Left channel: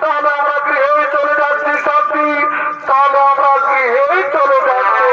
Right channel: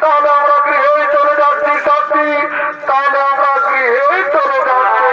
তাহলে আমরা গৃহে চলে যাচ্ছি সাথী, তাহলে আমরা গৃহে চলে যাচ্ছি।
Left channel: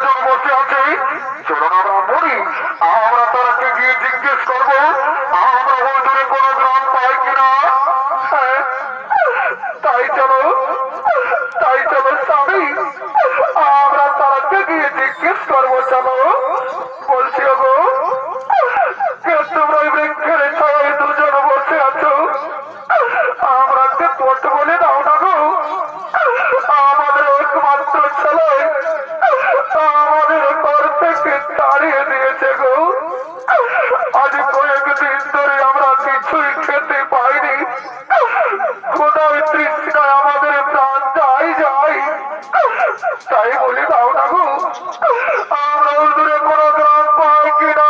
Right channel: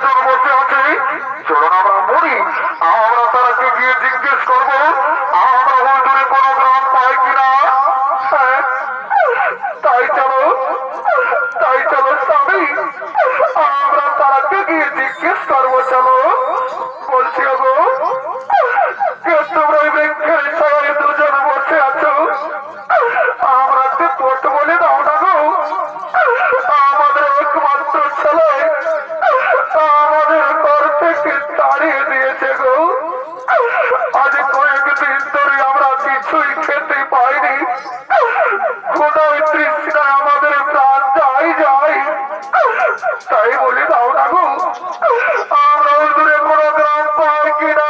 দুজন বসে আছে, চলুন আমরা মরি, আমরা তারাকে গিয়ে জিজ্ঞেস করবো আমরা ওই দূরে কোনো গ্রাম পাই কিনা। হ্যাঁ, তাই চলো স্বামী, আমরা তারাকে গিয়ে জিজ্ঞেস করবো। চলো বলছি গো, তোমরা ওই বৃক্ষের ছায়ায় দুজন বসে আছো, আমরা পথ বলে দাও না গো। আমাদের একমাত্র ছেলে আমাদের ঘর থেকে তাড়িয়ে দিয়েছে গো। আজ কয়েকদিন ধরে আমরা কিছুই খেতে পাইনি, কোথাও তৃষ্ণায় আমাদের প্রাণ যাই। তাই বলি দাও না গো, আমরা ওই দূরে কোনো গ্রাম পাই কিনা।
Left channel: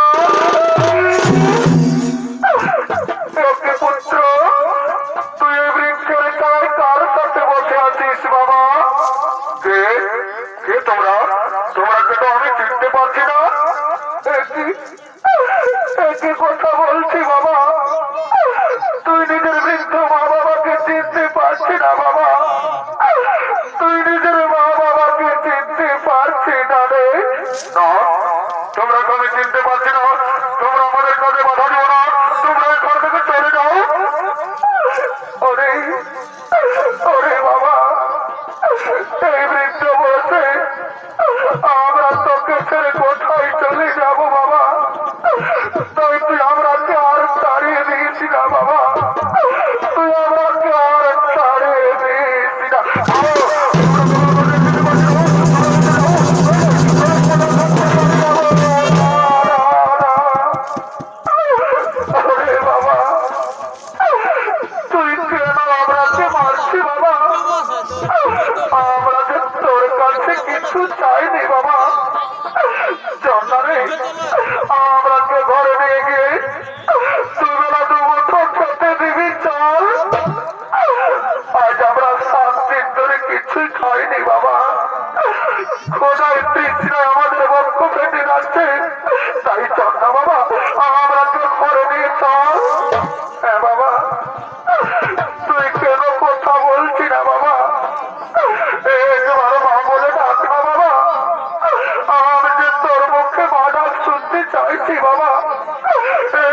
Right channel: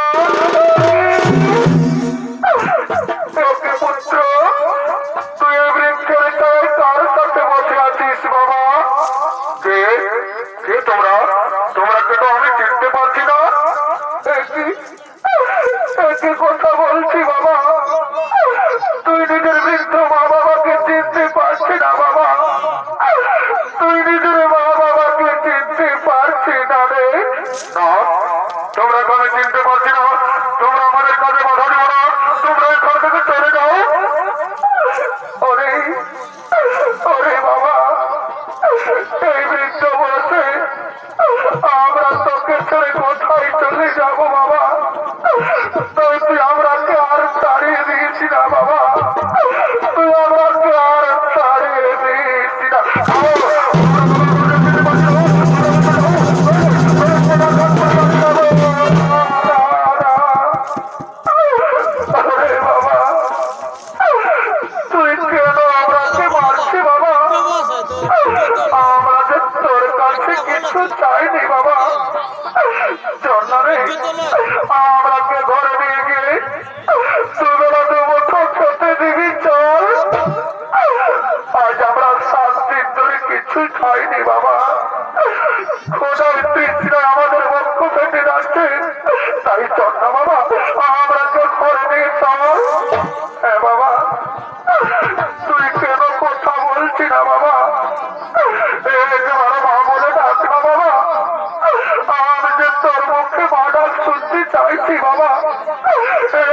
পুত্র, তুই এই বৃক্ষের ছায় কার সাথে বসে আছিস বাবা? কে কে তোমরা? কে তো আমি চিনতে পারছি না। একই কথা বলছি বাবা, তুই নিজের বৃদ্ধ মা বাবাকে চিনতে পারছি না বাবা, তুই নিজের মা বাবাকে চিনতে পারছি না রে। না, তোমরা আমি চিনতে পারছি না, তোমরা আমাদের কাছে বাধা দিও না, তোমরা এই ঘর থেকে চলে যাও। ওরে ওরে বাবা, এই বৃদ্ধ বয়সে আমরা তোকে ছেড়ে কোথায় চলে যাবো বাবা? তাই তুই আমরাকে আর তাড়িয়ে দিয়েছি না বাবা, তুই আমরাকে আর তাড়িয়ে দিয়েছি না। বাবা, তুই কেন আমরাকে মারছি বাবা? আমরা যে তোর কাছে কিছু চাইনি বাবা। জন্নারে, আমরাকে ঘরে নিয়ে গিয়ে দুবেলা দুমুঠো খেতে দিবি চল। আজ আমরা 7 দিন ধরে কিছুই খাইনি বাবা, খোদার তৃষ্ণায় আমাদের বক্ষ ফেটে যাচ্ছে। তাই চল না বাবা, আমরাকে ঘরে নিয়ে চল। হ্যাঁ বাবা, তুই কেন কথা বলছি না বাবা? একবার মা বলে ডাক না বাবা, আমি যে তোর মুখে মা ডাক শুনতে চাইছি বাবা।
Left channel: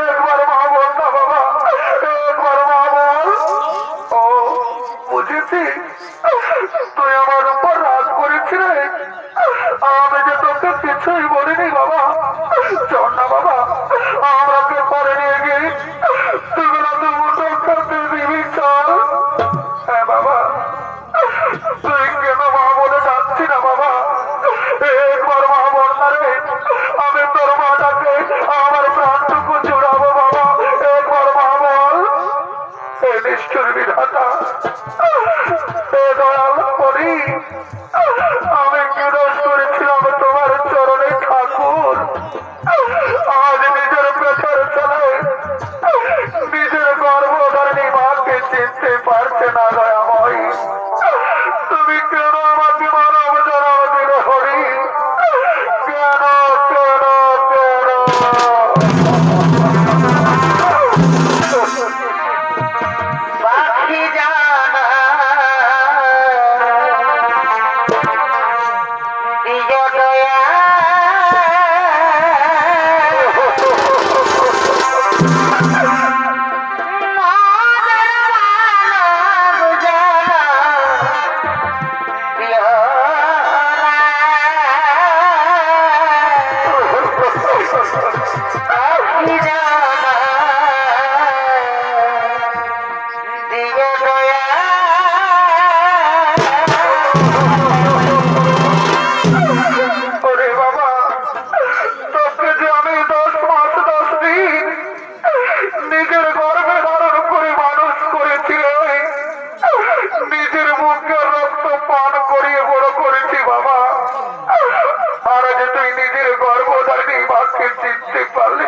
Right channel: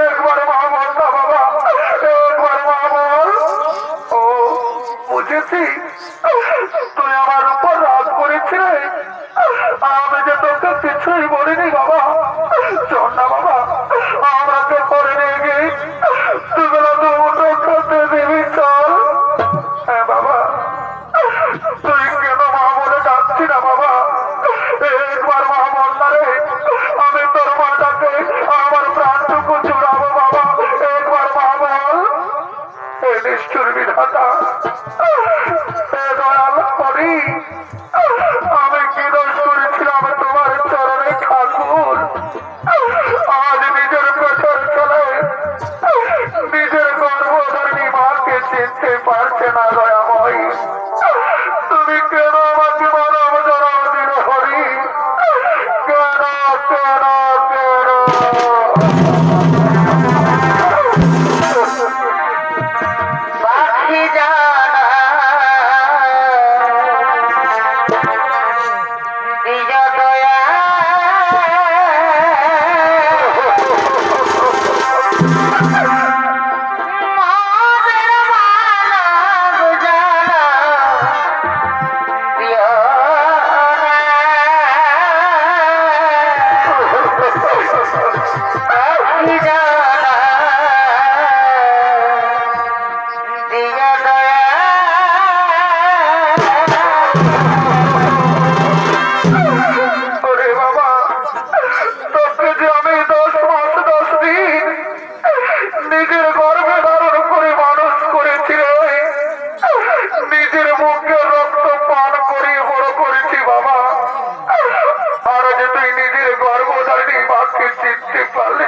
একবার মা বল না বাবা, একবার মা বল। ও বুঝেছি, তুই আমার উপর রাগ করেছিলে, আমি যে তোকে কিছুই বলিনি বাবা। চল না বাবা, আমরাকে ঘরে নিয়ে গিয়ে তুইগুলো দুমুঠো খেতে দিবি চল। হ্যাঁ বাবা, তুই কেন মা বলে যাচ্ছি না বাবা? একবার মা বল না রে, আমি তোর মাটাকে আমার প্রাণটুকু জুড়াবো বাবা। একবার মা বল। হে নিষ্ঠুর বিধাতা, হে দয়াল করি, আমি কি দোষ করেছিলাম তোমার চরণে ঠাকুর? আজ নিজের পেটের ছেলে নিজের গর্ভধারিণী মাকে চিনতে পারছে না দয়াময়। তুমি কেন আমাকে মানব জন্ম দিলে হরি? কেন কেন কেন? পাখি জানা দিজ দয়া ওরে বাবা, তোকে যে আমি 10 মাস 10 দিন নিজের গর্ভে ধারণ করে মানুষ করেছি রে, নিজের মুখে রক্ত পান করিয়ে বড় করেছি বাবা। আর যে তুই নিজের গর্ভধারিণী মাকে চিনতে পারলি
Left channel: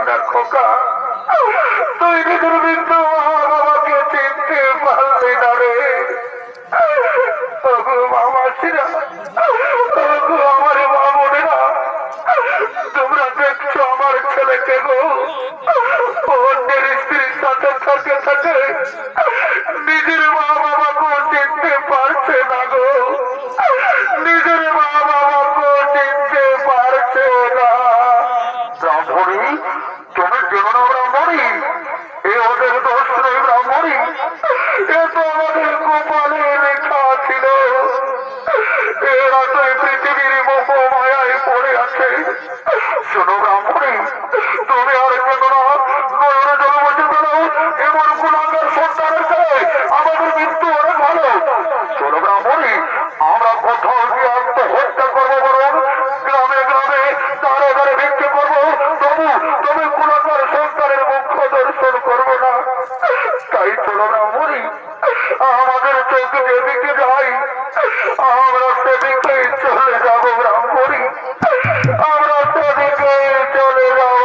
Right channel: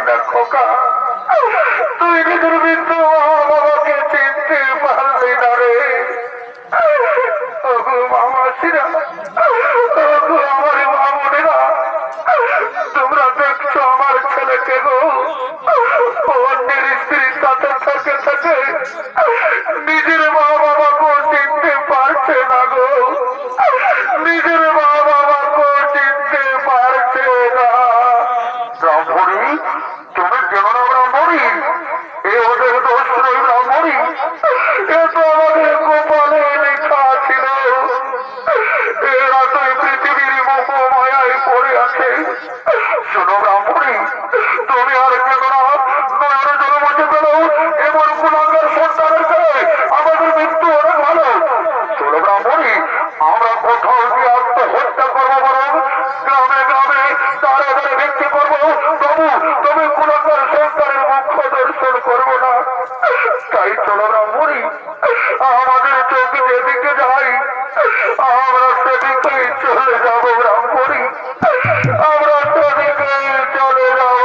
শোনো ব্রাহ্মণী, তুমি আর কেন না নয়নে জল বসে পেল এমন কুলাঙ্গার সন্তানের চেয়ে আমাদের মৃত্যু অনেক ভালো। চলো ব্রাহ্মণী, আমরা কোথাও গিয়ে আত্মহত্যা করবো, বরং গ্রামে গ্রামে দাঁড়ে দাঁড়ে ভিক্ষে করবো, তবু তুমি কুলাঙ্গার সন্তানের মুখ্য দর্শন করবো না। তাই চলো ব্রাহ্মণী, আমাদের চোখ যেদিকে যাই আমরা সেদিকে চলে যাবো ব্রাহ্মণী, আমরা সেদিকে চলে যাবো।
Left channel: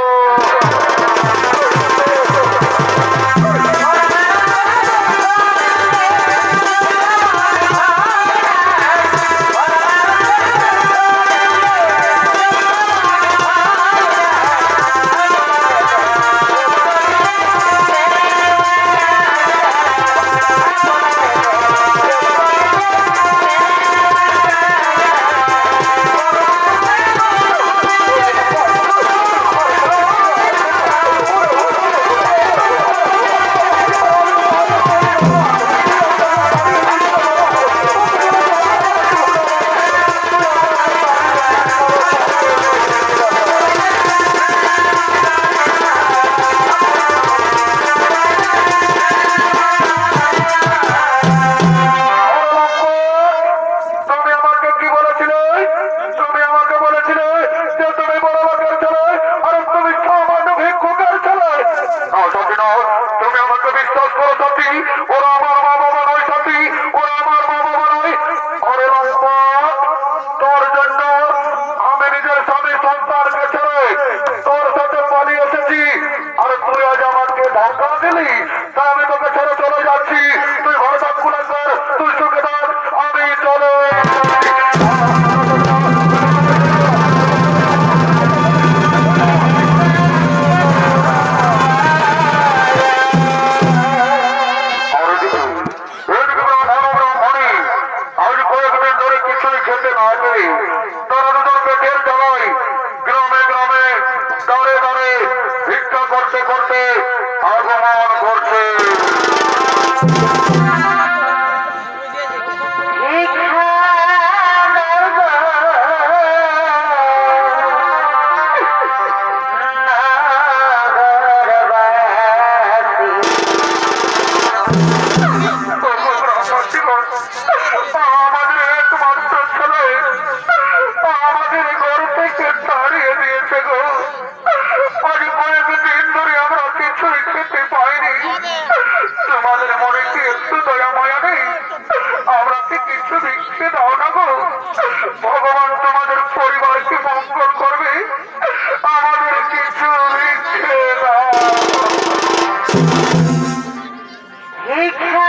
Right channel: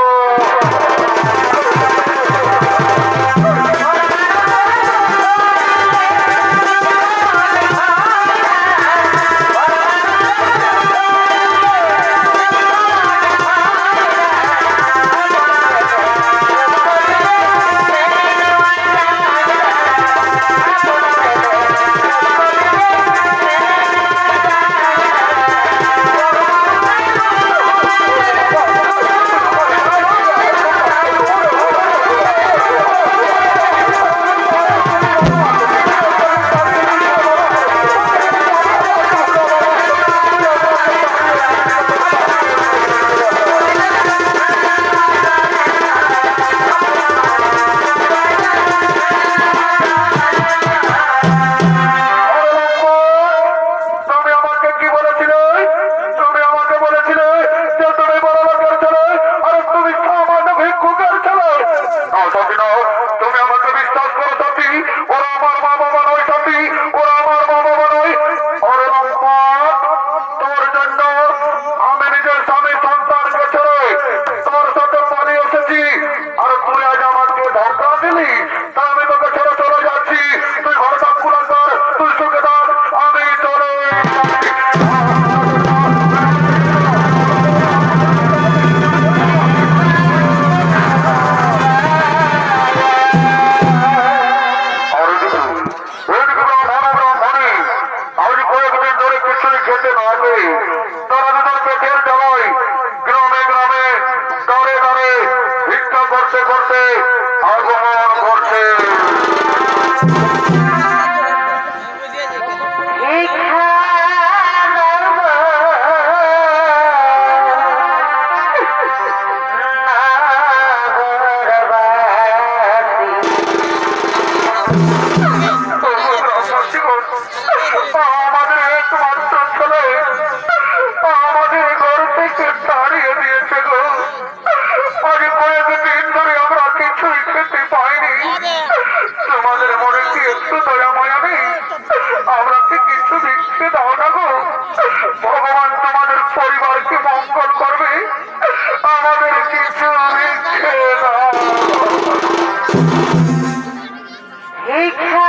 তুমি আমাকে কি বলেছিলে? তুমি আমাকে বলেছিলে যে তুমি বড় লোকের ছেলে আর তুমি সামান্য ভিক্ষুকের ছেলে। না সত্যি না, তুমি আমাকে বিশ্বাস করো সাথী, ওরা আমার মা বাবা নয় সাথী, ওরা আমার মা বাবা নয়। ওরে লম্পট, তোর জন্য আমি নিজের স্বামী সন্তানকে ছেড়ে তোর সাথে পালিয়ে এসেছি, আর তুই আজ আমাকে ধর্ষণ দিলি, তা আমি তোকে ছেড়ে চলে যাচ্ছি। তুই ঘরে থাক কুলাঙ্গার, তুই সুখে থাক, আমি চলে যাচ্ছি। আজ কয়েকদিন ধরে কিছুই খেতে না পেয়ে তারা দুজন পেটের জ্বালায় গ্রামে গ্রামে দাঁড়ে দাঁড়ে ভিক্ষা করতে করতে আগমন করছে। আমাদের একমাত্র ছেলে আমাদের ঘর থেকে তাড়িয়ে দিয়েছে গো। আজ কয়েকদিন ধরে আমরা কিছুই খেতে পাইনি। তোমাদের মনে কি একটু দয়া মায়া নেই? আমরা কি কিছু ভিক্ষে দাও না গো? ভগবান তোমাদের পরিবারকে মঙ্গল করবে, আমাদের কিছু ভিক্ষে দাও। ভিক্ষা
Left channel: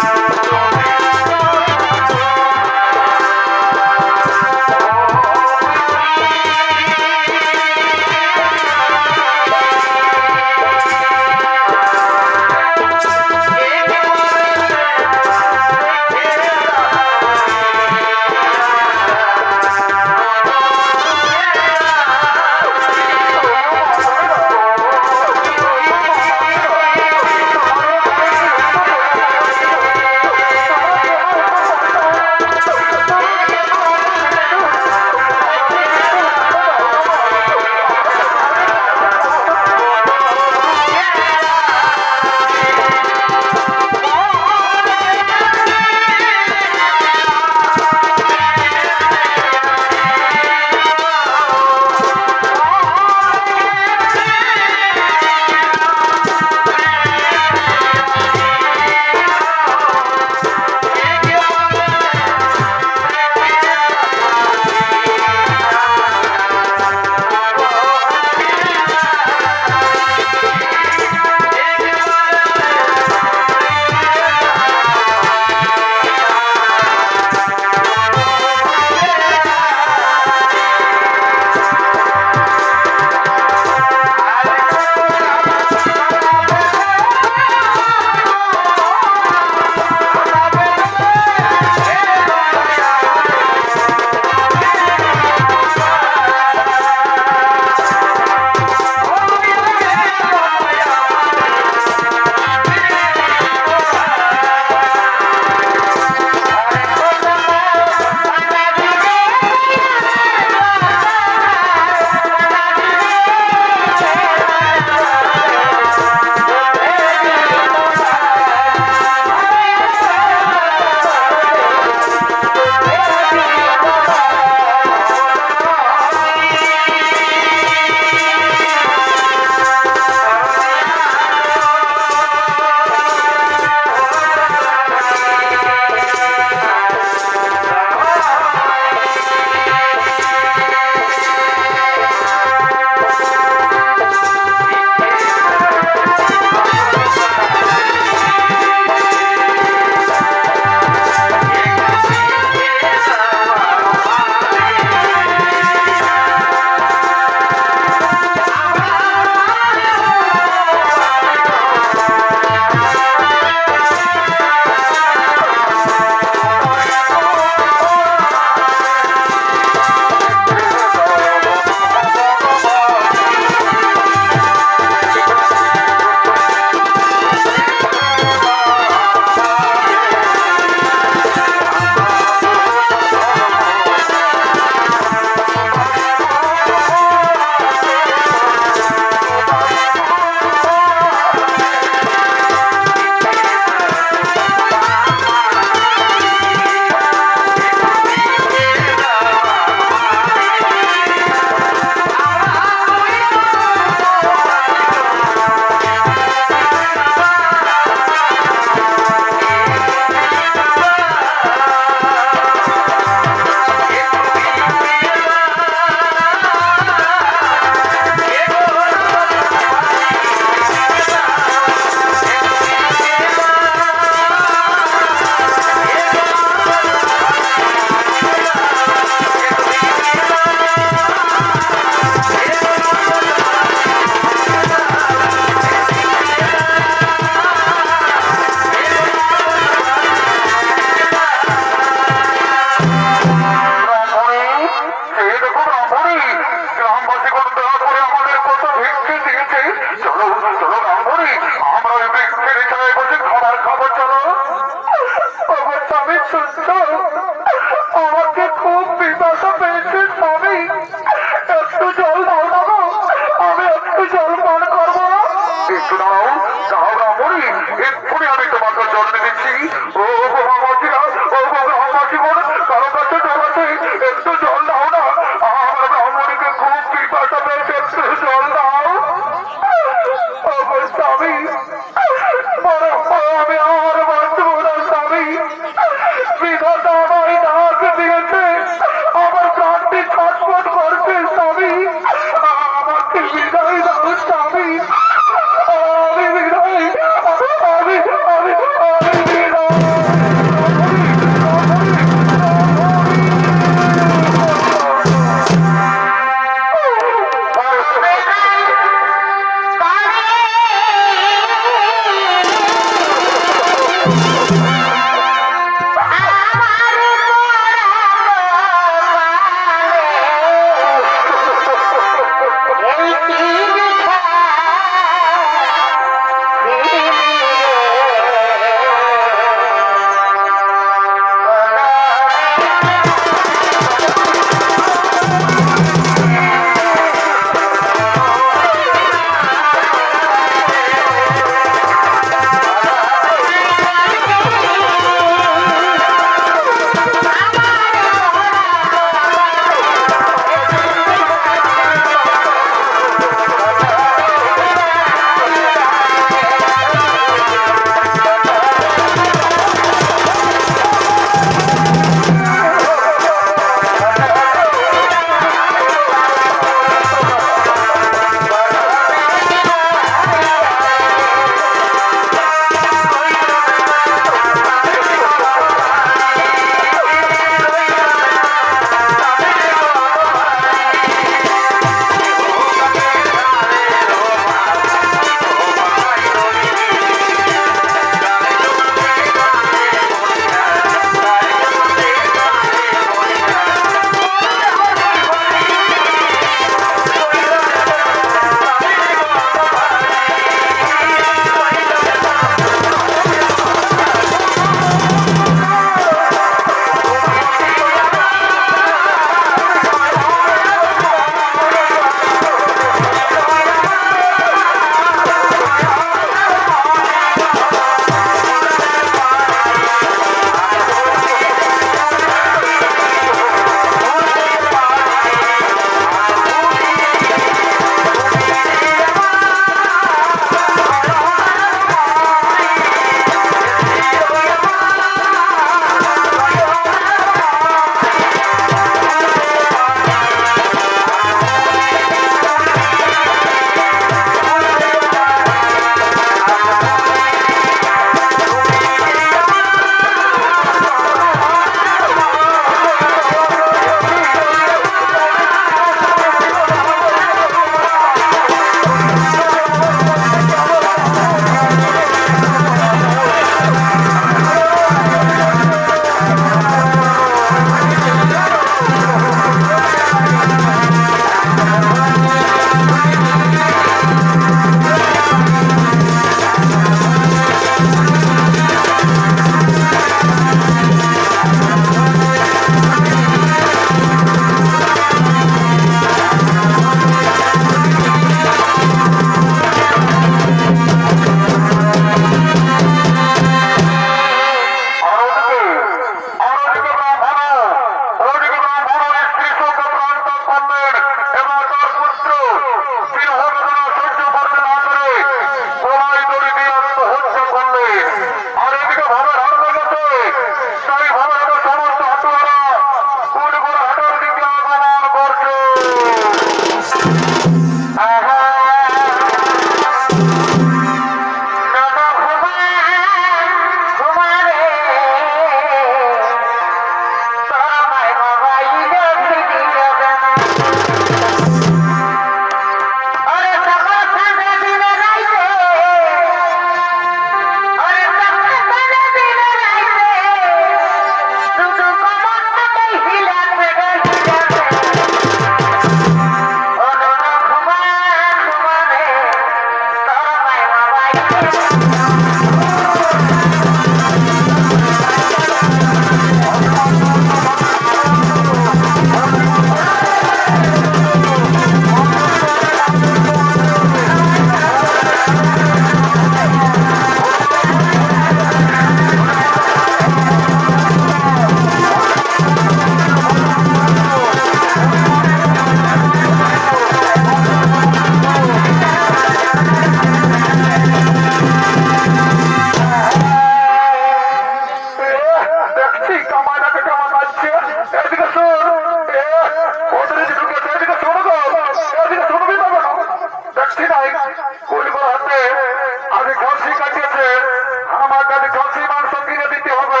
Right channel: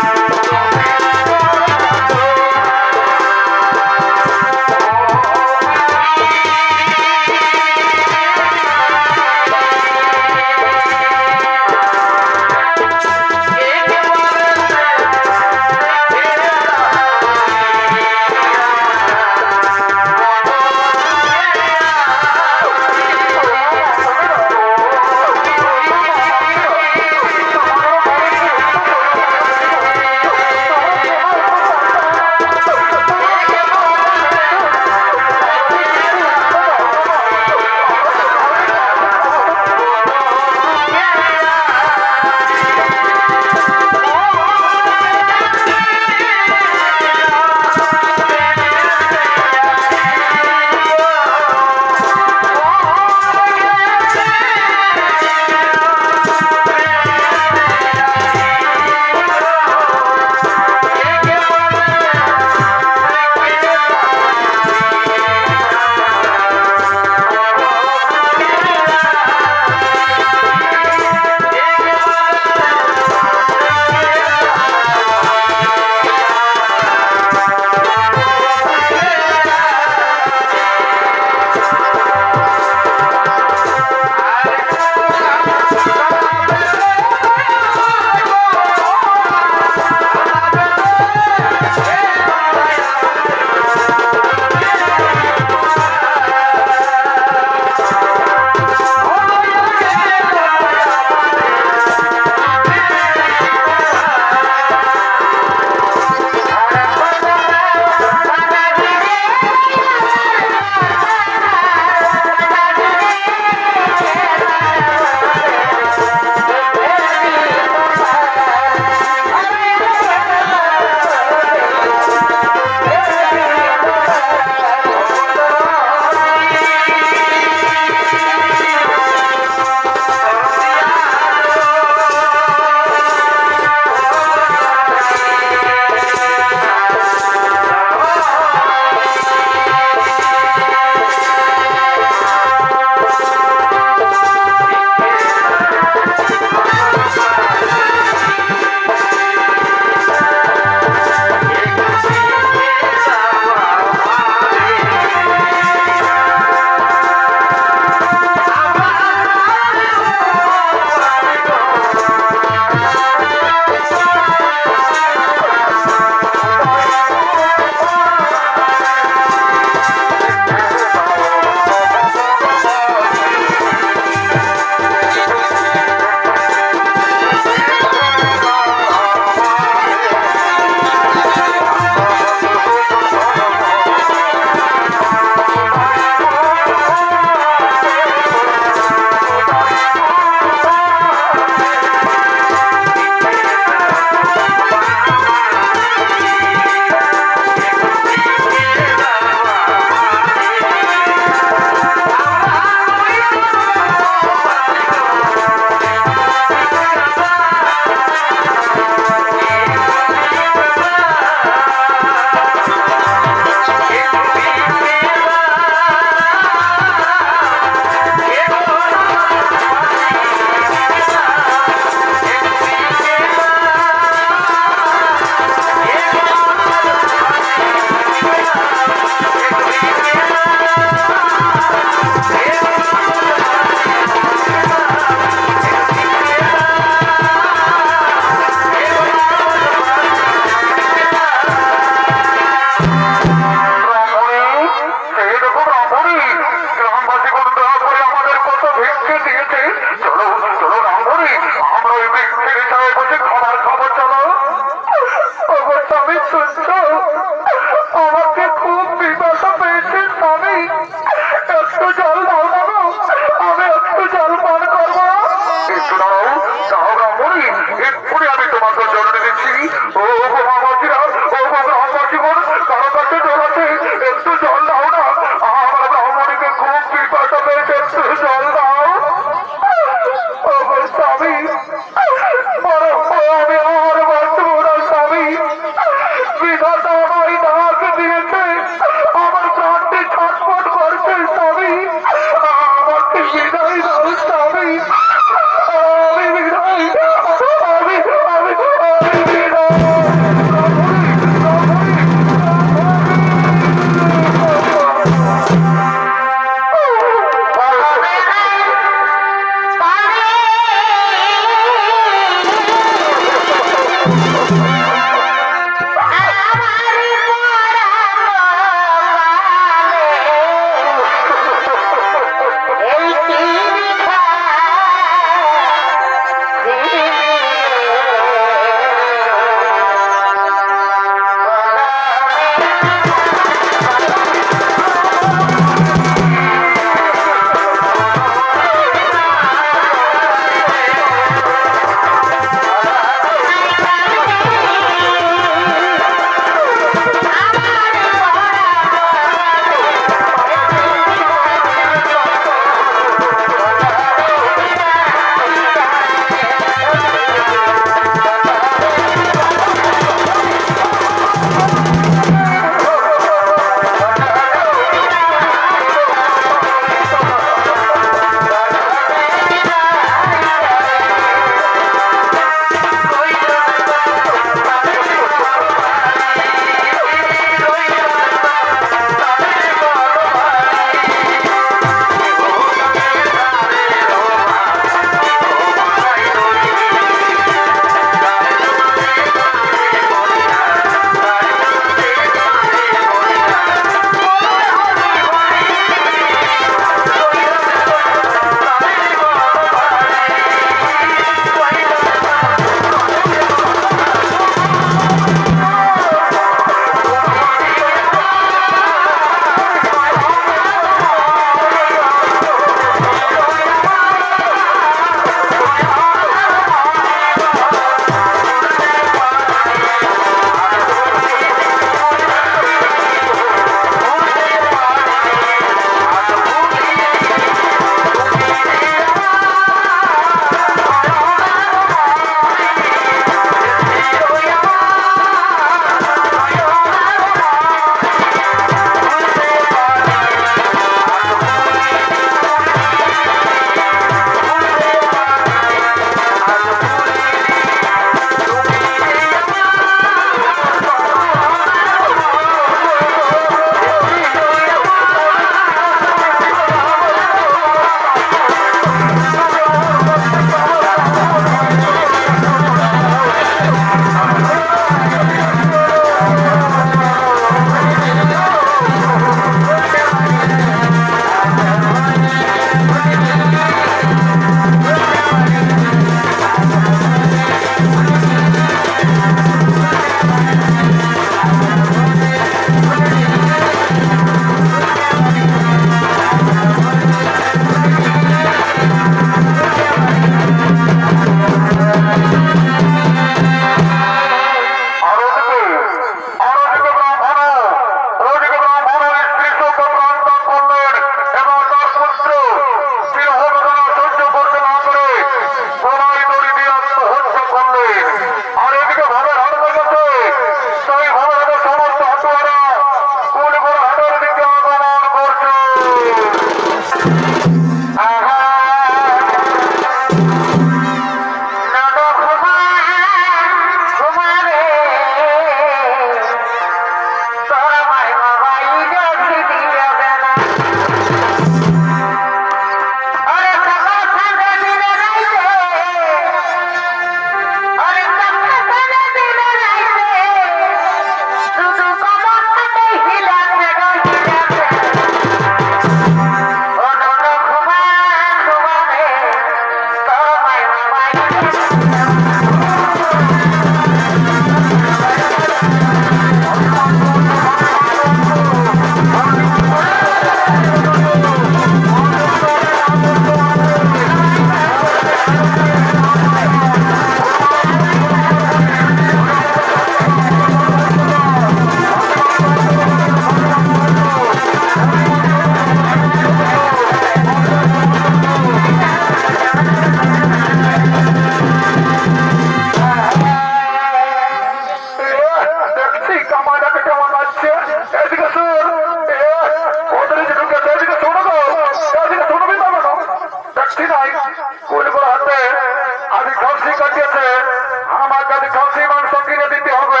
কেজি খাসি মাংস কিনে দিতে হবে।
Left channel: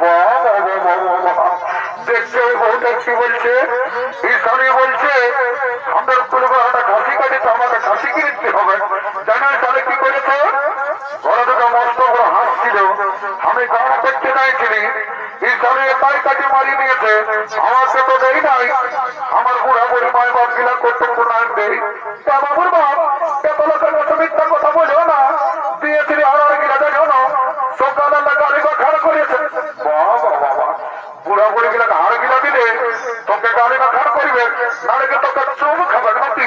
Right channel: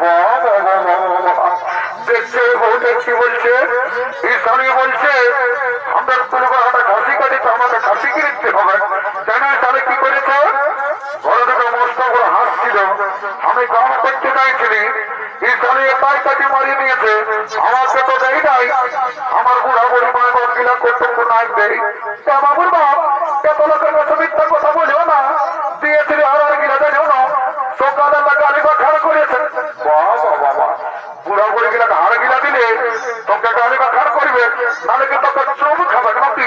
বাহ, বাহ, বাহ, বাহ, বাহ, বাহ। দেখছে বউটা কি বলছে, স্বামী বলছে আমাদের কুলবাহাটা খাসি কাটি তো আমাকে খাসি কিনে দিতে হবে। জানেন তাহলে কি করেছে, ঘরে দুটো মস্ত বড় হাঁস ছিল, আমি দাম করতে চাইছিলি, স্বামী একাই কাটি মারিয়ে নিয়েছে, আমাকে তো দেই নাই, আমার বুড়া বুড়ি মায়ের বাপ গিলা কর্তব্য নাই দেই। বাবুর বাপ এত লোকের কাছে মিথ্যা কথা বলেও না, দিয়েছিলি আরো গিলা জানিও না, সকালে গালি বা খাড়া করেছে। বাবা বাবা, বুড়া বুড়ি গিলা হাড় গিলা দিলে তোকে গালি বা খাড় করবে, নাহলে কি তোকে চোখ খাবে নাকি?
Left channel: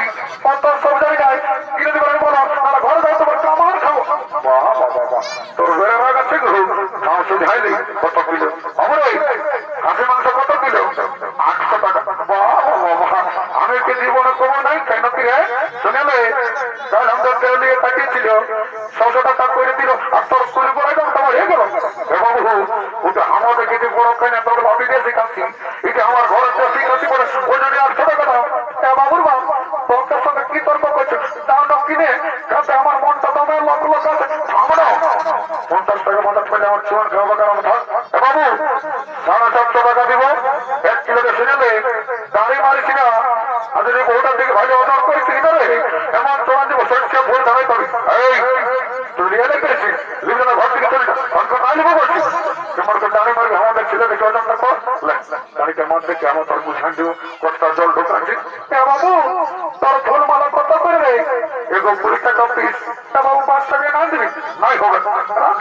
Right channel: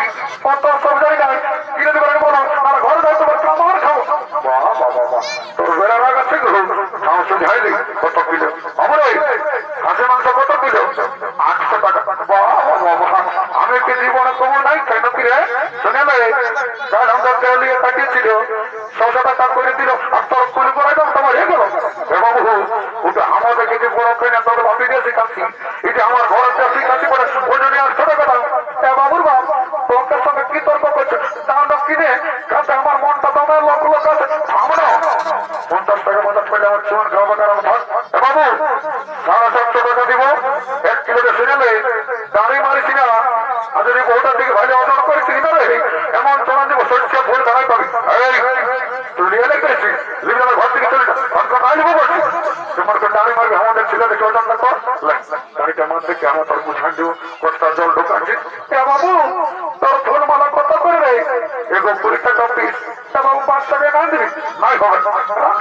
অত সব জায়গায় কিনে দেবে বলো, আর ঘরে যাই তোমার কামার খাবো। বাবা বাবা, তোর বেড়ে রাখাচ্ছে মাংস ঝাইলি কত কিলো? আমরা খাসি মাংস কত কিলো? 800 টাকা। বাবা বাবা, আমি কি জীবনে কমো নাই কেন কি রে? শুনে নে, কাল আমাদের নিয়ে কাটিয়েছিল 600 টাকা করে দিল, আর তোর কুলি করে দাম তোমার হয়ে গেল। বাবু ওটা আমাদের কিছু বড় কেনা তোর ভাবি দিয়ে শিখাচ্ছি, এটা আমার ঘরে শিখাচ্ছি বলে ওই জন্য 800 টাকা দাও। বাবুর বাপ তোর সঙ্গে কি তর্ক করছে, তার না কিনে কাছে আমার মনটা তোমার লোক লোক আছে। থামো না, 50 টাকা মাথার করলে আমার চুন খাওয়া কারণ থাক। বাবু 750 টাকা দিব 1 কিলোতে, শুনেলে দাঁড়ি মারিছি না, আর যদি বউটার দিকে ভালো অর্জন করেছি রে, এমন তোমার দিব সরষে ভুল দাঁড়াই পাবি। এই তুই নিয়ে লেগেছি লিবিয়ার ঘর থেকে চলে যা, আনবো বলছি তোমার দাঁড়ি মারবি, আমাদের ছেলে দেখে ওজনটা কর, গাড়িটা আমার দেখে আমার তোর বুঝান দিব কতটা জল ঢোকাচ্ছি। বাবু তোর ফুল মালা কত করে রে? এগো 20 টাকা পিস। বাবু 5 টাকা না দিবি? নাই হবে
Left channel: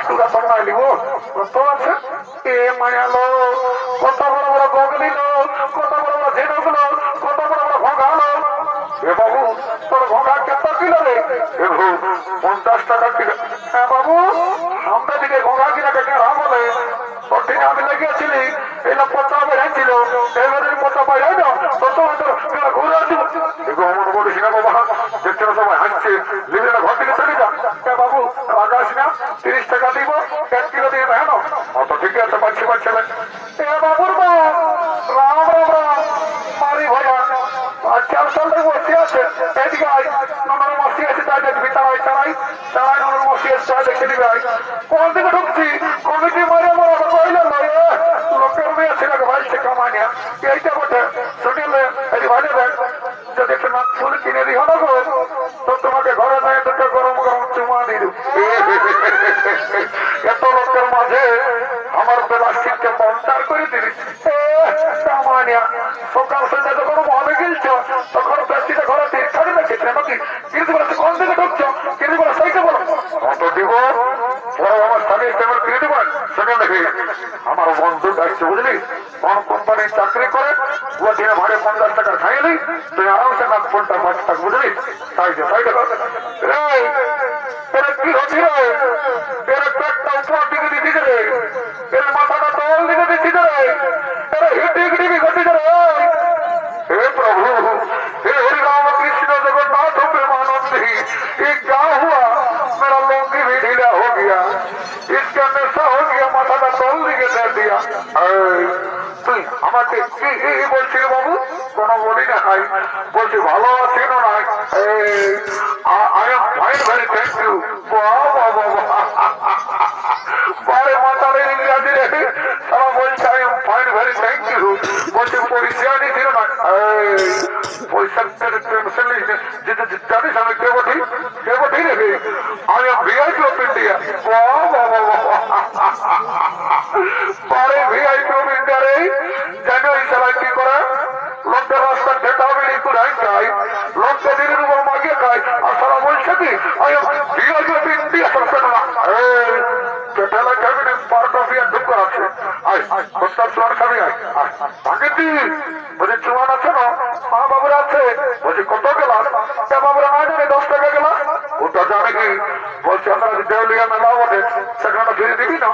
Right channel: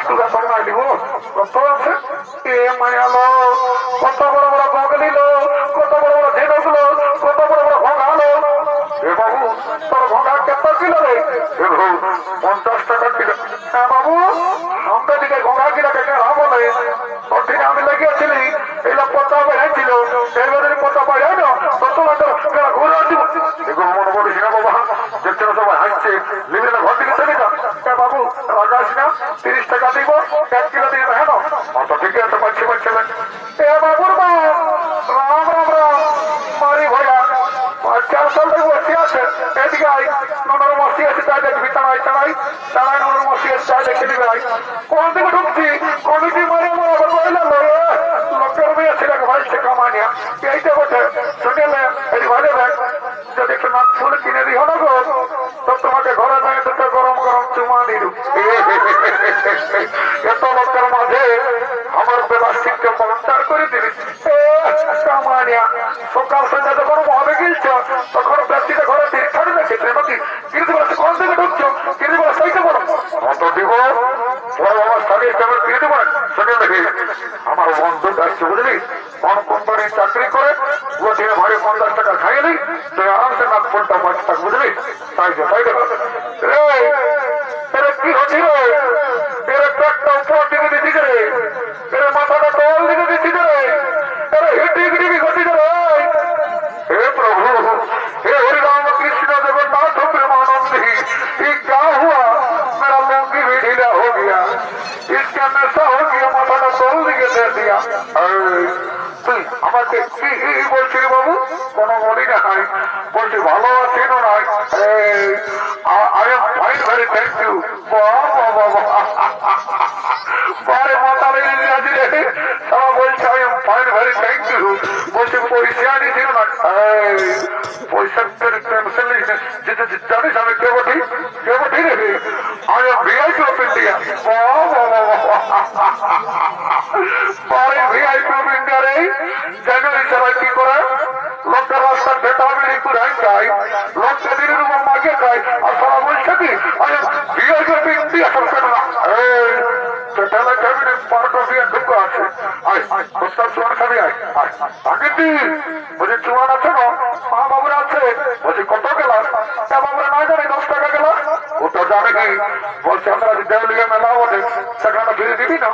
তোরা তোর নাই দিব কত আছে? এ মায়ালো, কত বড় বড় বগলিল, কত বড় বড় ঝিনুকলো, কত বড় বড় ভোগালো। এ বাবু তোর ভোগা কত কিলো রে? 50 টাকা কিলো। বাবু আমরা দিকে ভোগা কিনা কেটে বলে কঠিন আমি লেগেছিলি, এইটা পচা বেড়েছিল, এইবারে পচা পাই না তো তোমার ঘুরে আসবো। এগুলো মনে বলিস না বাবা, দেখছে না সবাই হাসছে, লিবিয়ার ঘর থেকে চলে যা। বাবু রাগাস না, 30 টাকা দিব 1 কিলো দিয়ে হেন অত ঠিক আছে, পাচ্ছি পাচ্ছিলেন। বাবুর মা রাম রাম রাম মারি ভয়া 4 সাল থেকে বসে আছে, এদিকে আই ননর মসি আছে, তাই দেখবি তাড়াই তাড়াই তাড়াই ননর মসি আছে, তাই দেখে দিবে আই। কোন দিকে ঢুকছি কমিটি মারে আমার কইলে লোকের মেয়ে ছিল ভাইছে কামানিয়া এইটা বটে। শুনিলে এই ভালো দেখ, যদি একটু নাক ফুল কিনে দিও না গো, তো তোমাকে ঘরে নিয়ে দুটো গরম গরম চুমা দিল। এত লোকের মাঝে আমার প্লাস্টিকটা পঞ্চার করে দিবি কামানিয়া। সকাল সন্ধ্যা যখন মহাবে গিলছ তখন প্লাস্টিকের ঘরে ছাড়ি রেখেছে নাকি? কিন্তু বলছে কোন দিকে ঢুকছো, কিন্তু বলে সেইটা বলো অত দিব বড় আমার স্বামী কেমন কিনে দেবেন। শুনে দেখি আমার বন্ধু আসছে বুঝলি, কোন কোম্পানির চাকরি করে, ও দিনে ভাড়ে 50 টাকা খাইলি, তুই আরামসে নাক ফুলটা বাঁচ থাক বুঝলি। তাই তাই দেখো কি হচ্ছি রে, এর পেটটা উপর দিকে দিচ্ছি রে, এর মাথাটা তল দিকে দিচ্ছি রে, এর হিডি হিডি ঘটি রে। हे प्रभु, हे हरि राम कृष्ण जगन्नाथ प्रेमानंदी, ये क्या हुआ? मेरा लुंगी भी ढीला हो गया, इसका नशा हो गया, माथा का तोल दिखे दे दिया। তুই আমাকে কি বলছিলি বাবু? কোনো বলি না খাই, বলছি ভালো আছি না নাই? I am fine, very thank you. বারে মাথা লেগে গেছি রে, তারা বলছে I am fine, very thank you. বলছে পয়সা নিয়েছিল না, পয়সা জানিস আমি কে বটি রে? I am VIP of India. পরে ভিআইপি অফ ইন্ডিয়া রে জানুয়ারি সারা কি করে লোকের রাস্তা ভেটা বেড়ি কুড়াই খাই, লোককে দিনের উপর মাগে খাই, আর সারা বলছে কি I am VIP of India. সরকার না ঠেলা ক্যাবিনেট পার্ক অফ ইয়ার ঢুকো আছে, আয় কোথার চুয়ান খাবি? আয় ভাগিতি বলছি চুয়ান আছে না? মা বাবুরা আছে। বলছি কত গেলাস? বাবুরা না জানি 10 টাকা গেলাস। ওটা জানে কি? বলছে আমরা দেউলিয়া মেলা বটে, সেখানে ফিরে দিবি না?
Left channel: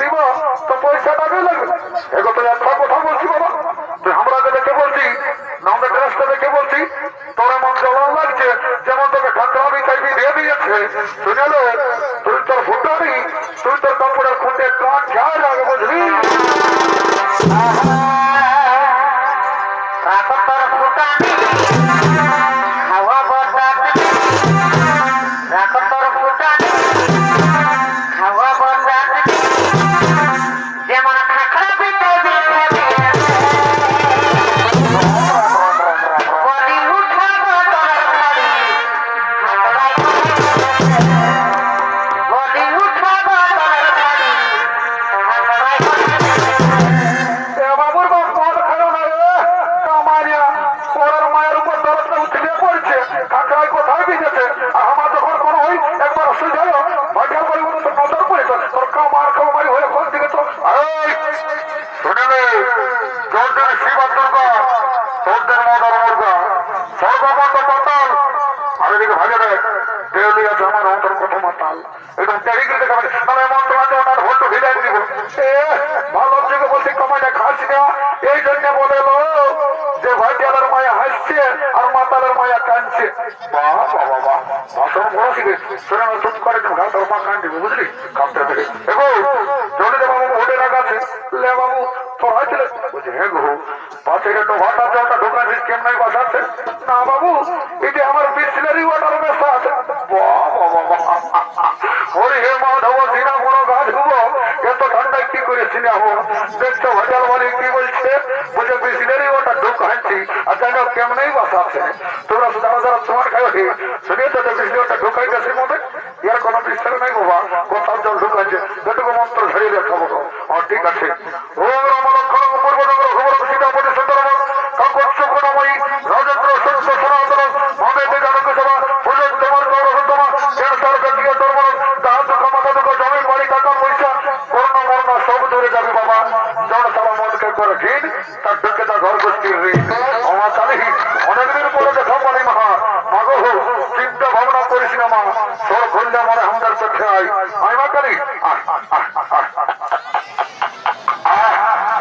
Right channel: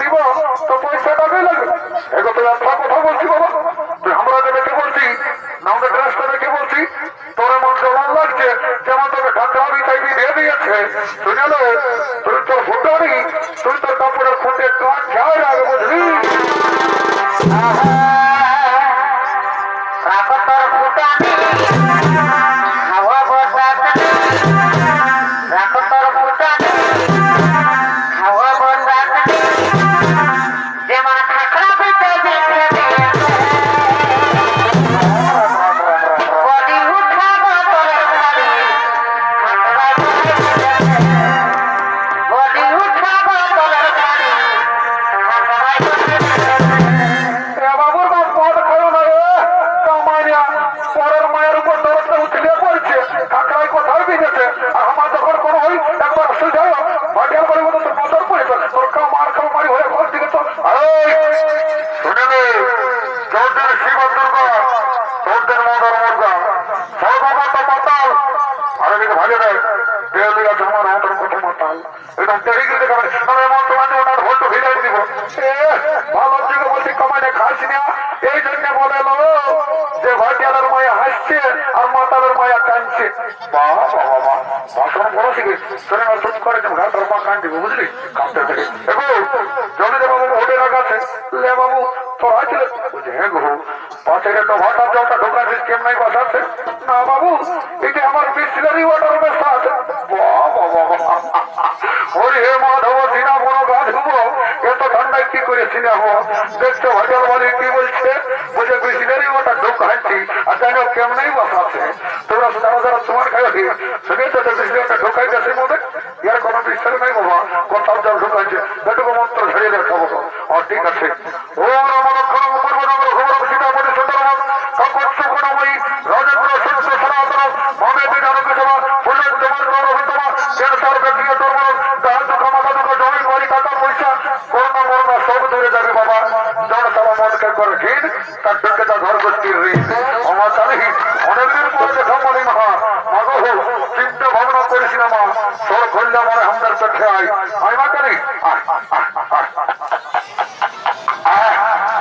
দিব তো পয়সাটা দিয়ে লাগবে। এগো তো একটা কথা বলছি বাবা, তুই আমরা দেখে বলছি না, আমাদের ড্রেসটা দেখে বলছি তোর এমন জবান লাগছে যেমন তোকে ঠান্ডা বিছাইবি দিয়ে দিয়েছে। শুনেলো তুই তোর ফুটানি, তুই তোর কাপড়ের খুঁটে কান খেয়াল রাখবে বুঝলি। রাখো তোর ফুটানি, খাওয়া বসানি, রাখো তোর ফুটানি, খাওয়া বসানি। বাবা বাবা ভাষণ বড় শিখে শোনে না চুপ করে ঘাস আর পা কান দিবে বুঝলি কাঁপতে থেকে এগো জলদি দে বাবু হোটেল রাখা আছে লে বাবু তোর হয়েছিল বলছে হ্যাঁ গো পাশে তো ভাটার জলটা ঢোকাছিস কেমন বাসা আছে না বাবু এটি আমার বিসলারি ওয়াটার ব্যবস্থা আছে বাবা বাবা ওরে হে মাধব সিনা বড় গাছ হুবো এত ঠান্ডায় কি করে সিনা হবো দেখছো হোটেল বলে কি বলছে বলছে বিসলারি ওয়াটার ঢোকাচ্ছি আর জানো কেমনই বাসা আছে তোমরা যারা যারা তোমার খাই শুনেছো তো বিসলারি ওয়াটার ঢোকাইতেছে মধ্যে ইয়ার কোনো বিশ্বাস নাই বাবা কোথাও জল ঢোকাচ্ছে যেটুকু মন্ত্র ঝরিয়ে দেয় খাবো ও ঠিক আছে ও আমার লক্ষণ পূর্ব নগর খবর সীতাপতি সুন্দরবন কাকট সুগুণময়ী রাজেন্দ্র সত্য সনাতন মমে বিধানক সভা ফুলের তোমার গৌরবতমা এর তার ব্যক্তিগত ধর্ম তাহার দুঃখ মাথা দুঃখ জমি বাড়ি টাকা পয়সা করোনা মরনা সব দূরে যাবে বাবা জন সারা মনকে করে ঘিন তার ঢুকে তার ঘর গোষ্ঠীর ঋণ আমার জানি অনেকদিন পরে দেখা পারি মহা মাগো চিন্তা ভাবনা করিস না মা তোর খুললে মনে আমাদের চোখে আয় আমি মা করি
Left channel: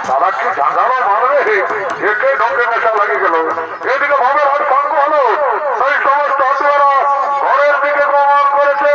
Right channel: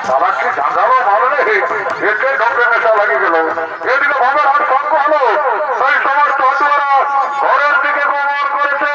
তারা কি ঝাঁঝালো ভালো রে একে ঢোকে নেশা লাগে গেল এদিকে ভাবের আর সঙ্গ হলো সেই সমস্ত হাতুয়ারা ঘরের দিকে গমন করেছে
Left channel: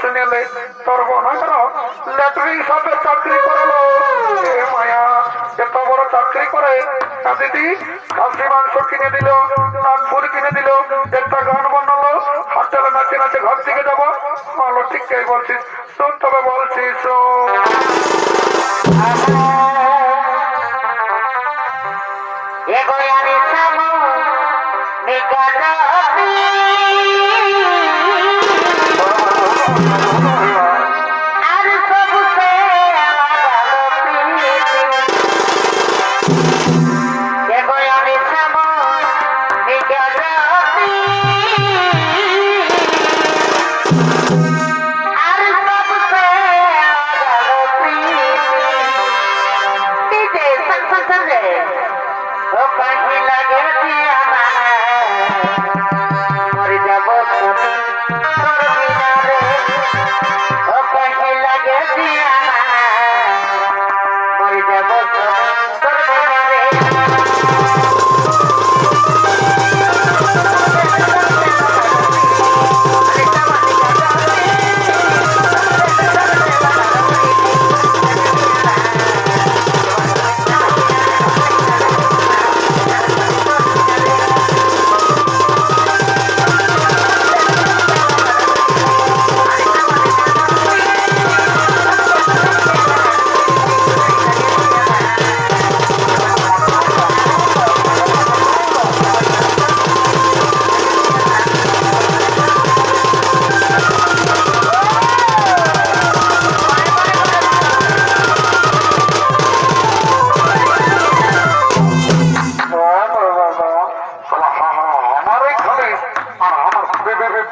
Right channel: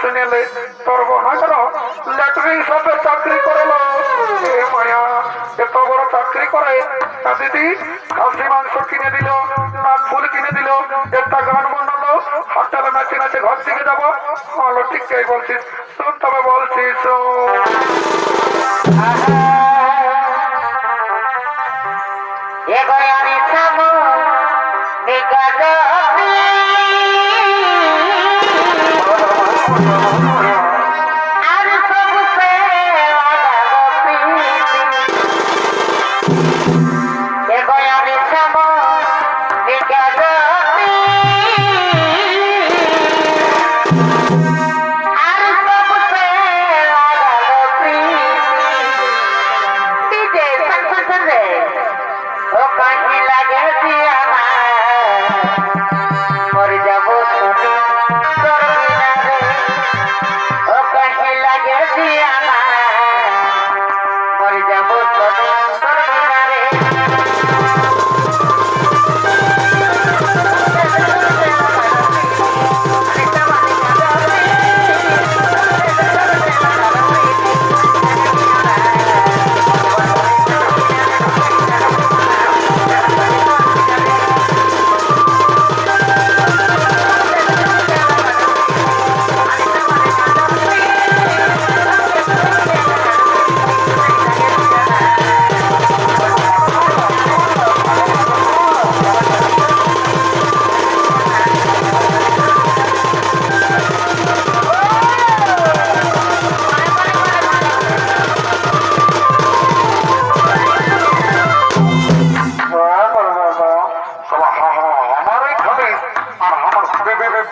শুনেলে তোর বোন ল্যাটরিন সাথে চাকরি করে মায়া এত বড় চাকরি করে দিদি খাসি মাংস কিনে দিল নাক ফুল কিনে দিল একটা গান বানালো হোটেলে নাচে নাচে ঘর থেকে যাবো ভালো ঠিক বলছিস শোন তবে বলছিস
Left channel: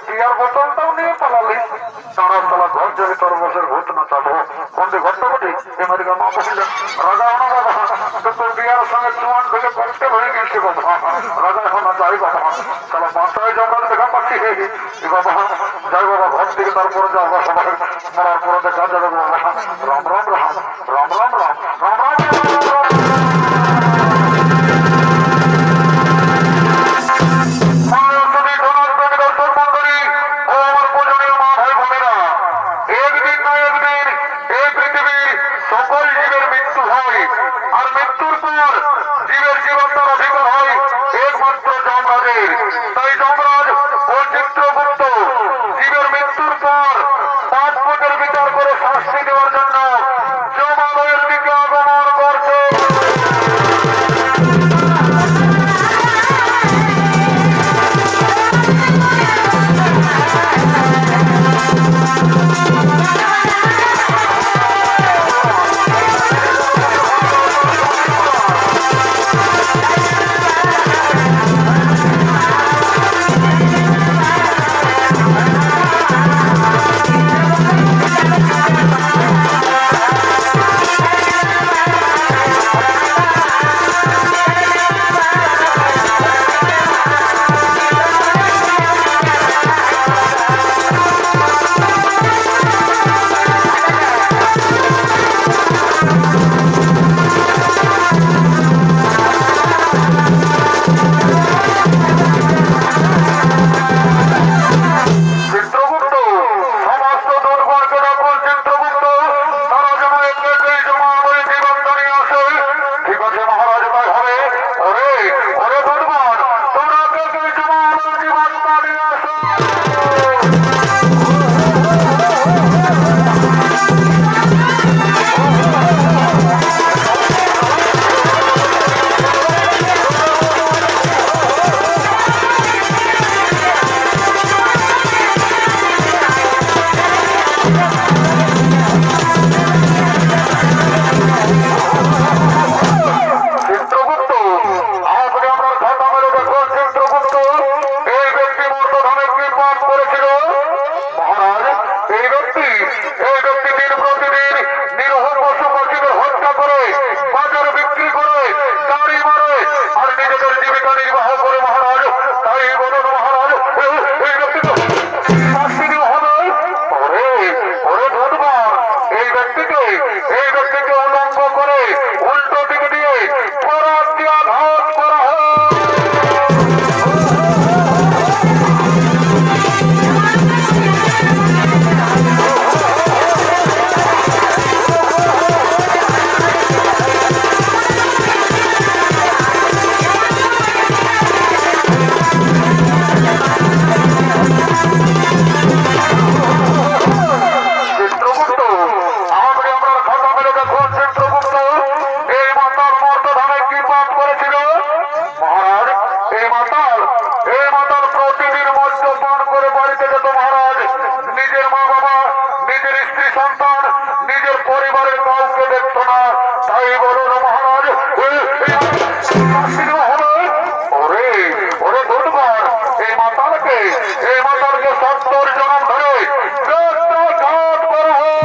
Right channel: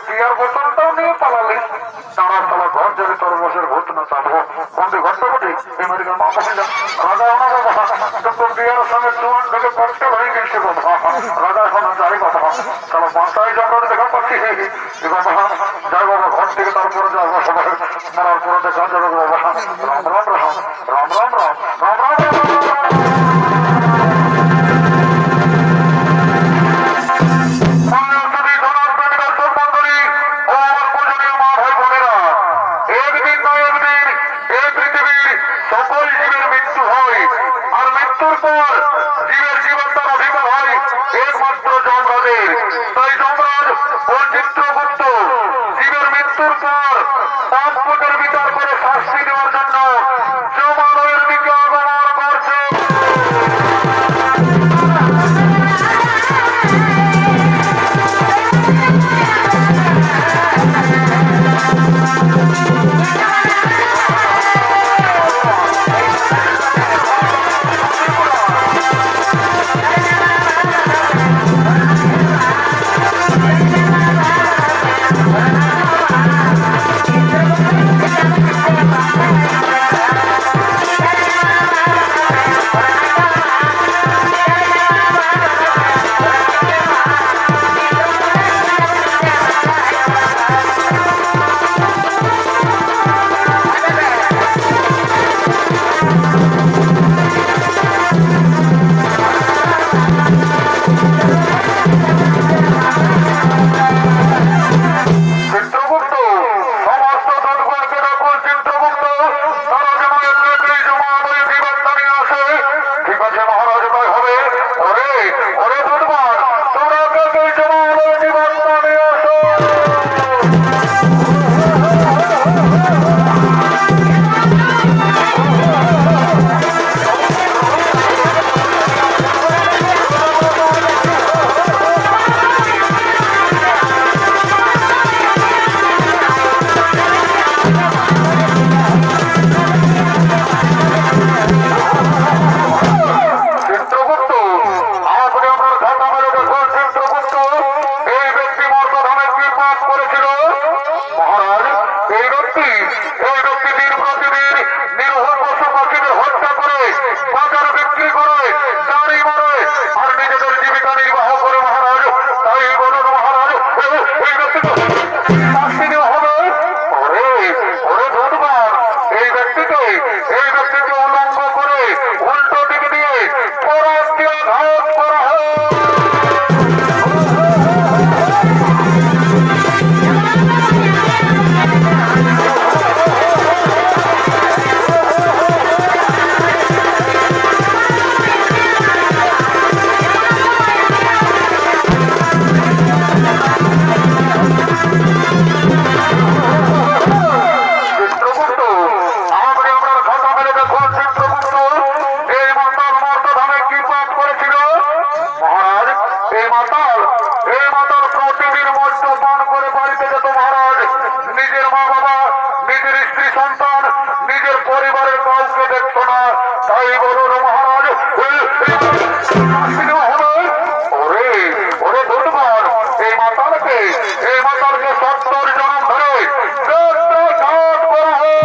বিয়ার বোতলটাও নিয়ে পালালি তারা তালা ঘর যদি তোর বসের ভূত না চাবো বন্ধু ঘরটা ঘটে এমারিকা মা বসিল রাজা না বাবা তোর বিয়ার সঙ্গে চুয়ান থেকে কষ্ট হয়ে গেছে বাবা রাজা এখন যাই বাবা তাহলে বাসায় যে আমরা দেখা পাচ্ছি বাবা যাই বাবা ঘর থেকে তারপরে যাবো সবাই মরার পরে দেখা যাবে বাবা রাম রাম রাম রাম রাম রাম রাম রাম সকল জীবের মৃত্যু হয় আর মৃত্যুর পর জীবের জীবন তার অধিকার হয় একমাত্র যমরাজের। তাই যমরাজ ও চিত্রগুপ্ত জীবের মৃত্যুর পর পাপ পুণ্যের বিচার করে শাস্তি দেওয়ার জন্য যমালয়ের দিকে আগমন করছে। চিত্রগুপ্ত সমস্ত দুর্গণকে দেখুন। চিত্রগুপ্ত তারা যেন এমনিতেই জমালয়ের জীবনটা নিয়ে আসে। ঠিক আছে মহারাজ, তাই হবে। ওরে ওরে দুর্গণ, তোমরা এমনিতেই জমালয়ের জীবনটা নিয়ে আসো। চিত্রগুপ্ত আপনি আপনার খাতা মেলে দেখুন। চিত্রগুপ্ত এই ব্যক্তি মর্তধামে কি পাপ করেছিল মহারাজ? এই ব্যক্তি দিন প্রতিদিন নিরহ পশু পাখিদের হত্যা করে বাজারে বিক্রি করে গাড়ি মারে আর নিজেদের জীবিকা নির্বাহ করে মহারাজ। তাই বলুন মহারাজ, এই ব্যক্তিকে শাস্তি দেওয়া হবে। ওরে ওরে দুর্গণ, এই ব্যক্তিকে উলঙ্গ করে উল্টো দিকে দিয়ে করাত দিয়ে আঘাত করা হয়। চিত্রগুপ্ত আপনি আপনার খাতা মেলে দেখুন। চিত্রগুপ্ত এই মাতাল মর্তধামে কি পাপ করেছিল মহারাজ? এই মাতাল প্রতিদিন মদ্য পান করে বাড়িতে যেত মহারাজ। নিজের মা বাবা, নিজের স্ত্রী সন্তান, নিজের পরিবারের কাউকে দেখত না। তাই বলুন মহারাজ, শাস্তি দেওয়া হবে। ওরে ওরে দুর্গণ, এই মাতালকে 70 জনম ধরে ঘাত করা হয়।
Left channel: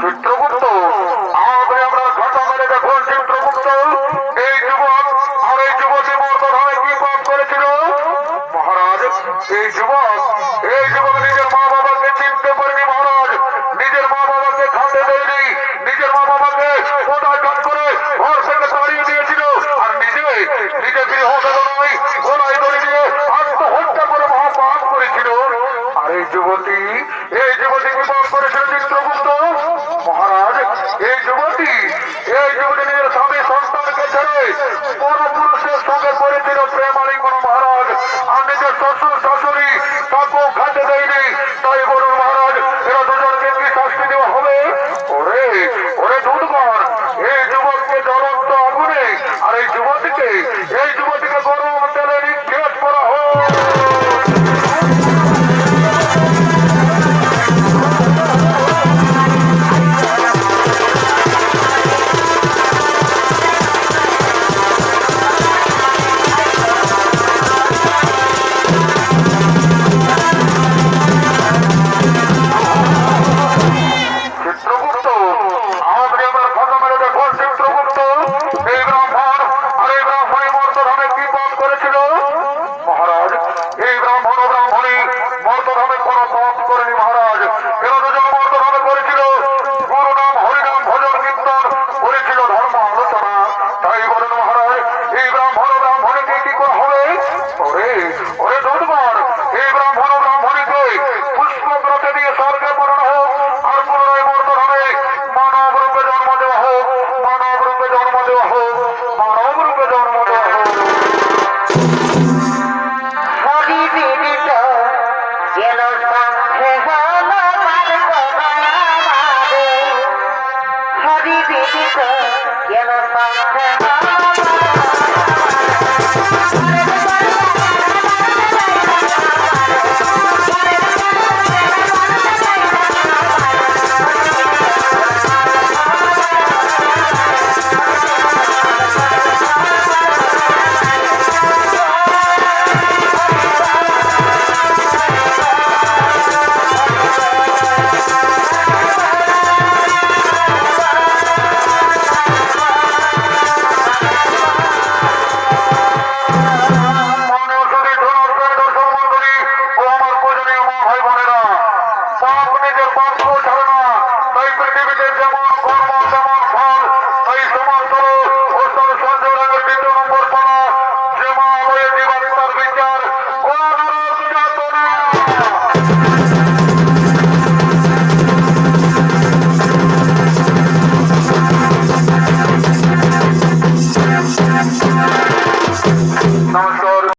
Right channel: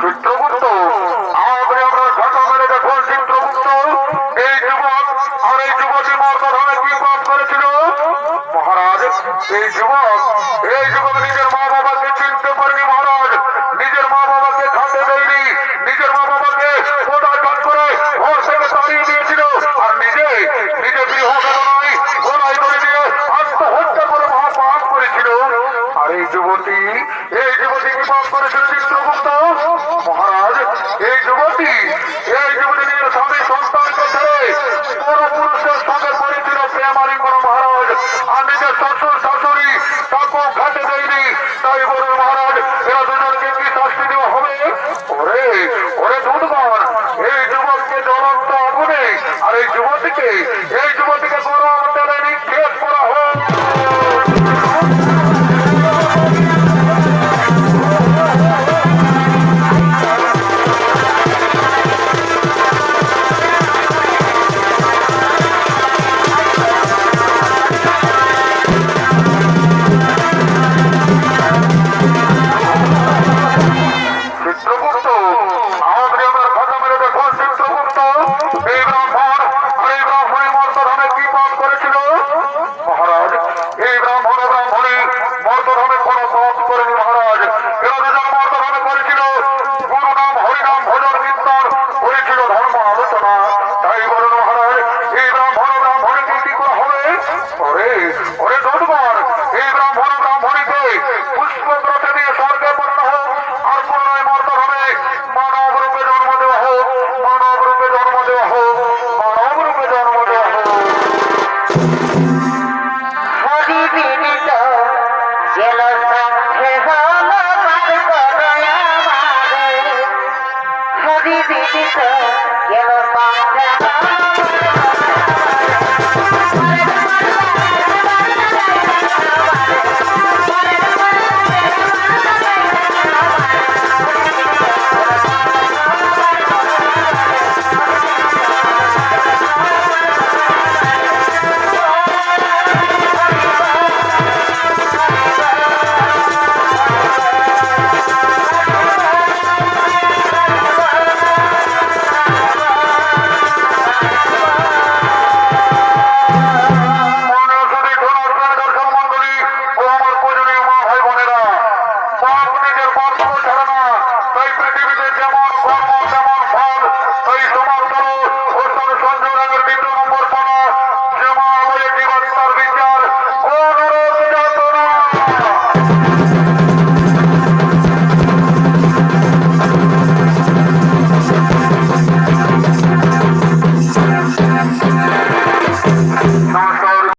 চিত্রগুপ্ত আপনি আপনার খাতা মেলে দেখুন। চিত্রগুপ্ত এই যুবক আর এই যুবতী মর্তধামে কি পাপ করেছিল মহারাজ? এই যুবক নিজের মা বাবাকে চিনতে পারেনি মহারাজ। নিজের মা বাবাকে খাতে দেয়নি, নিজের মা বাবাকে কোদাঘাত করে ঘর থেকে তাড়িয়ে দিয়েছিল আর নিজে গৃহ বেদনায় গলায় দড়ি দিয়ে আত্মহত্যা করে মহাপাপ করেছিল। আর এই যুবতী কি পাপ করেছিল চিত্রগুপ্ত মহারাজ? এই যুবতী নিজের স্বামী সন্তানকে ছেড়ে বড় পুরুষের সঙ্গে পড়েছিল প্রেমালিঙ্গন মহারাজ। আর নিজের শ্বশুর শাশুড়ি তাকেও খাতে দেয়নি। তাই বলুন মহারাজ, এরা দুজনকে কি শাস্তি দেওয়া হবে? ওরে ওরে দুর্গণ, এই যুবককে জ্বলন্ত আগুনে আর এই যুবতীকে গরম তেলে নিক্ষেপ করা হয়। দিত গেল সংসার